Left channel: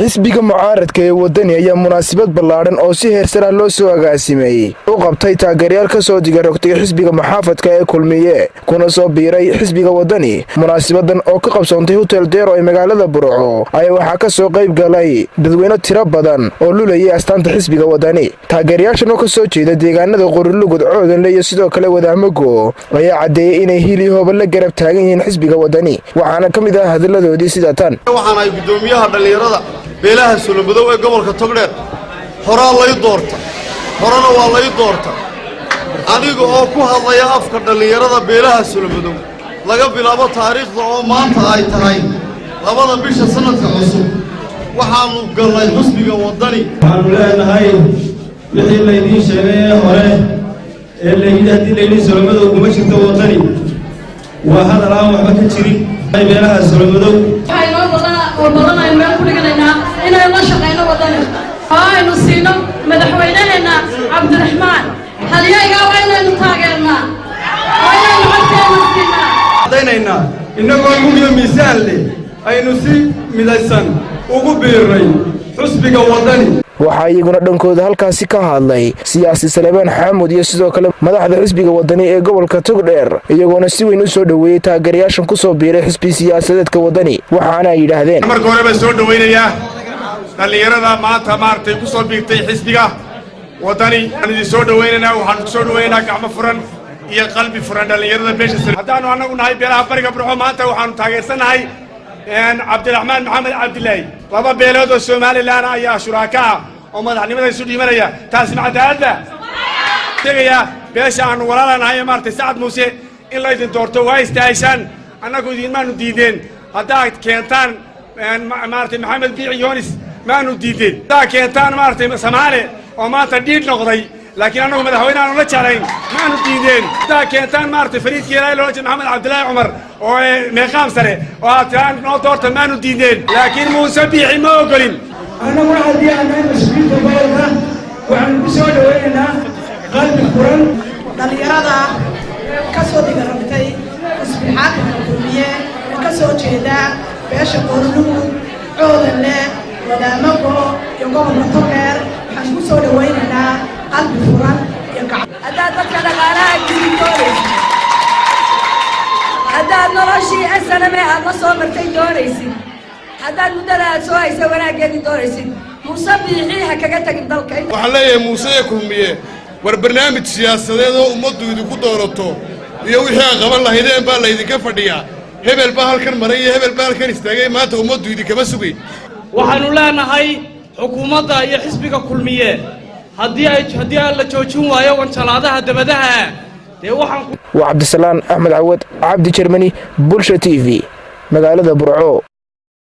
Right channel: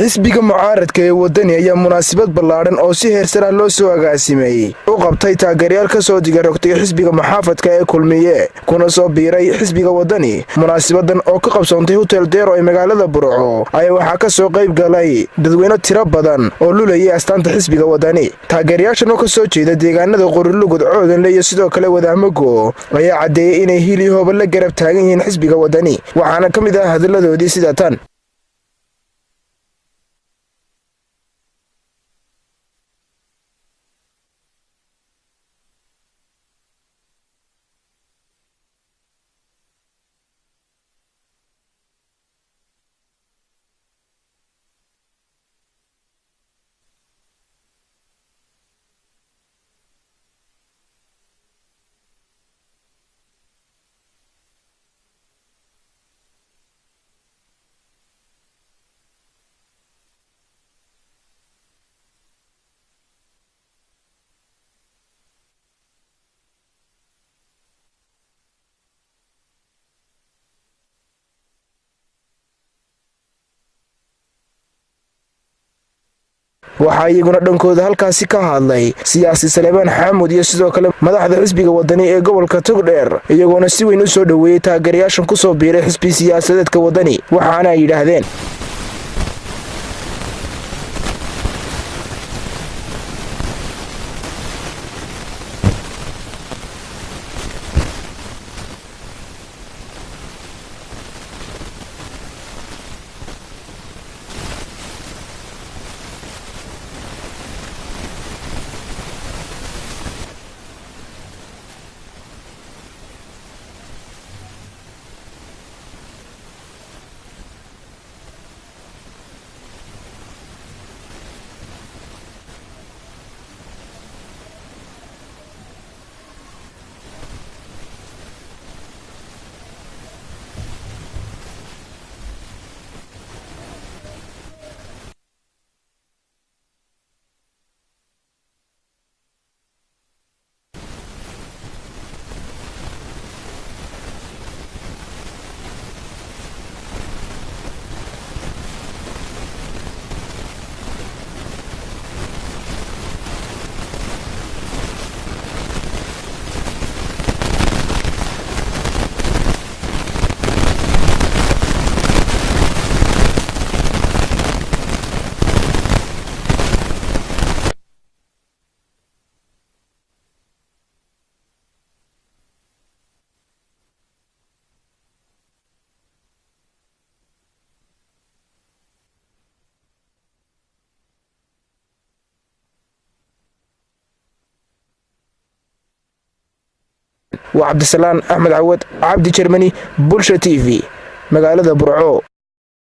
xisbiga mucaaradka ee wadani ayaa munaasabad ballaaran oo si heersar ah loo soo agaasimeeyay u qabtay taageerayaal ka soo digarogtay xisbiga muxaafadka ee kulmiye kuna soo biiray xisbiga wadani. munaasabadan oo ka qabsoontay hotel deero ee magaalada Burco ayaa waxaa ka soo qayb galay dadweyne tiro badan oo lulayay astaanta xisbiga wadani. taageerayaashan oo ka soo jeeda deegaanada Qorilugud, Coodanle iyo sidoo kale Wadaamago ayaa cadeeyay inay hili hooba la garab taagan yihiin xisbiga wadani, waxaana ka mid ah hadaladoodii sida tan. waxaan ay gudoomiyaha dhalinyarada beelaha Solomadow ee gobolka Togdheer horaa lay doorta horana waa lay doorta aniga oo ku hadlaya afka dhalinyarada beelaha Solomadow laga bilaabo taariikhda oo maanta ay tahay labada bisha sanadka cusub waxaanu galnay xisbiga wadani. waxaanu leenahay wixii laydin sheegay hore ee laydin Solomadow kuma jirto wadani waa hadal aan waxba ka jirin beelaha Solomadow وبلغنا المال كل جنينا إن الله شقينا وطننا هاي نصينا مدحويننا عبد الرحمن هل يجا وين نتاجرنا وين نعطي نصينا ديننا إنه يوم ميزان لي أي نصيب ميزان وقبيري حسبك وطني. waxaa iyaguna dhankooda halkaasi ka hadlay siyaasi Saleebaan Xamuud iyo sidoo kale madaxda xisbiga wadani ee gobolka Togdheer, iyagoona si weyn u soo dhaweeyay taageerayaashan ku soo biiray xisbi siyaasadeedka wadani. waxaana ay yiraahdeen marka hore baan soo dhaweynayaa dhalinyarada maanta maartay ku soo biirtay xisbiga wadani. aan idin soo dhaweynaynaa, waxaan ku soo dhaweynaynaa gacmo furan iyo qalbi furan dhalinyarada meesha. haddaanu anagu nahay beelaha bariga Burco maanta waxaanu taageersanahay عبد الرحمن محمد عبد الله لما بيلود الصومالي لنا يا شركاء وما نحن يسودي مريا تاسمع هذا تجيا بيش عن ولا لنا هي مارت سعد موسى إلا إذا دورتوا وايس تايشان أنا قديم ما نديدين هذا كينتان مارت محمد بيع يونس ما نديدين هذا كينتان مارت سمالي وما تديد نقضي لكن أنا مدحوينا أنا نتشارين ما نديدين هذا كينتان مارت فريد كيراي لوج محمد عبد الله عمر ومقام سري واتران نوتورت ما نديدين لكن موسى بيعي ما أقولين. أنا واحد يعني مسؤول تبارك وعن بسود ويننا قلب القرآن. dhalinyarada ka soo digarogtay isbixaadka kulmiye ka soo jeeda beesha Qorilugud, Coodanle, Wadaamago iyo gobolka Togdheer waxaan ku soo dhaweynaynaa qalbi furan iyo gacmo. هذا dadka dhaqaalaha jirtooday هذا noloshii asana ma aha soo martay doonaysid هذا mudada soo ay wanaaggeed doonaysid musabiixiha kaga tagin dalka. waxaan leeyahay Muuse Kulmiye war barnaamij siyaasadeed oo ummaddu idinku doorato iyo wixii qaban lahaydeen baa la idinka fadhiyaa. hebel baa halkan maray iyo hebel baa halkan istaagay, maanta ummaddu idinkama sugay. waxaanu leenahay xukuumadda iyo xisbiga kulmiye haddii la joojin waayo wanjalaadaha dabadaha dee waxaan waa Cabdisalaan Axmed Cawad Cabdi Jermani Bulsha TV magaalada Burco.